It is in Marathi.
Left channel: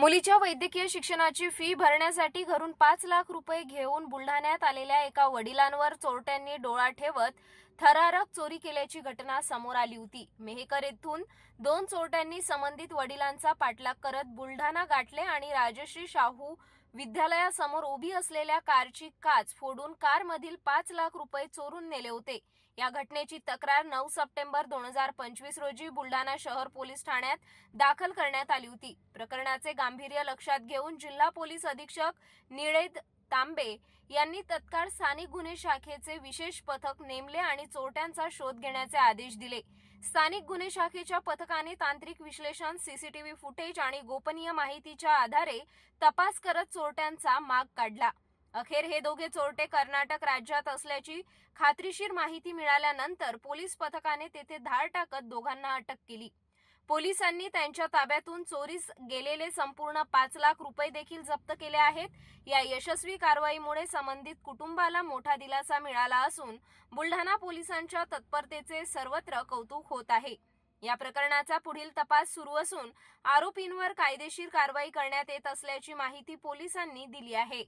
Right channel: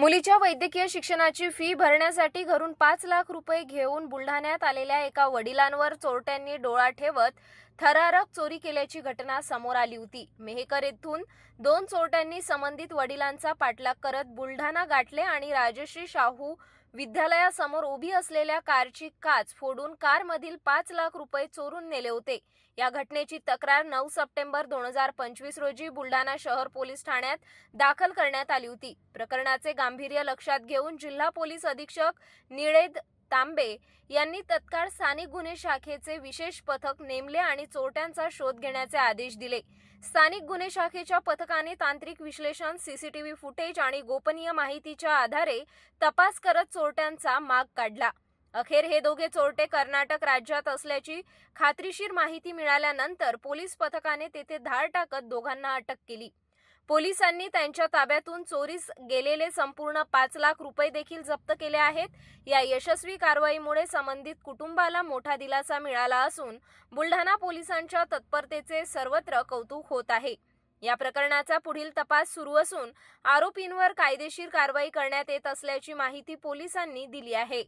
मुलीच्या वैद्यकीय शिक्षणाची फी भरण्यासाठी घरून पाच लाख रुपये घेऊन बुलढाण्यात आलेल्या एका वडिलांवर चोरट्यांनी डोळा ठेवत थरारक चोरी केल्याची घटना समोर आली होती. मेहकर येथून दोन चोरट्यांनी संबंधित वडिलांचा पाठलाग करत बुलढाणा गाठले आणि राजश्री शाहू विद्यालयासमोर उभी असलेल्या कारची काच फोडून कारमधील पाच लाख रुपये चोरून नेले होते. या घटनेची तक्रार नऊ सप्टेंबर दोन हजार पंचवीस रोजी बुलढाणा शहर पोलीस ठाण्यात दाखल करण्यात आली होती. प्रकरणाचे गांभीर्य लक्षात घेऊन जिल्हा पोलीस अधीक्षक निळेद तांबे यांनी तत्काळ स्थानिक गुन्हे शाखेचे विशेष पथक नेमले आणि चोरट्यांचा शोध घेण्याचे आदेश दिले. स्थानिक गुन्हे शाखेच्या पथकाने तांत्रिक विश्लेषण सीसीटीव्ही फुटेज आणि गोपनीय माहितीच्या आधारे तपास करत चोरट्यांचा माग काढला. अखेर हे दोघे चोरटे कर्नाटक राज्यात असल्याची खात्रीशीर माहिती मिळाल्यानंतर पोलीस पथकाने तेथे धाड टाकत दोघांना अटक केली. पोलिसांनी त्यांच्या ताब्यातून चोरीस गेलेले संपूर्ण पाच लाख रुपये देखील जप्त केले आहेत. या यशस्वी कारवाईमुळे संबंधित कुटुंबाला मोठा दिलासा मिळाला असून बुलढाणा पोलिसांच्या तत्परतेचे सर्वत्र कौतुक होत आहे. या प्रकरणाचा पुढील तपास सुरू असून आरोपींवर कायदेशीर कारवाई करण्यात येत असल्याची माहिती पोलिसांनी दिली आहे.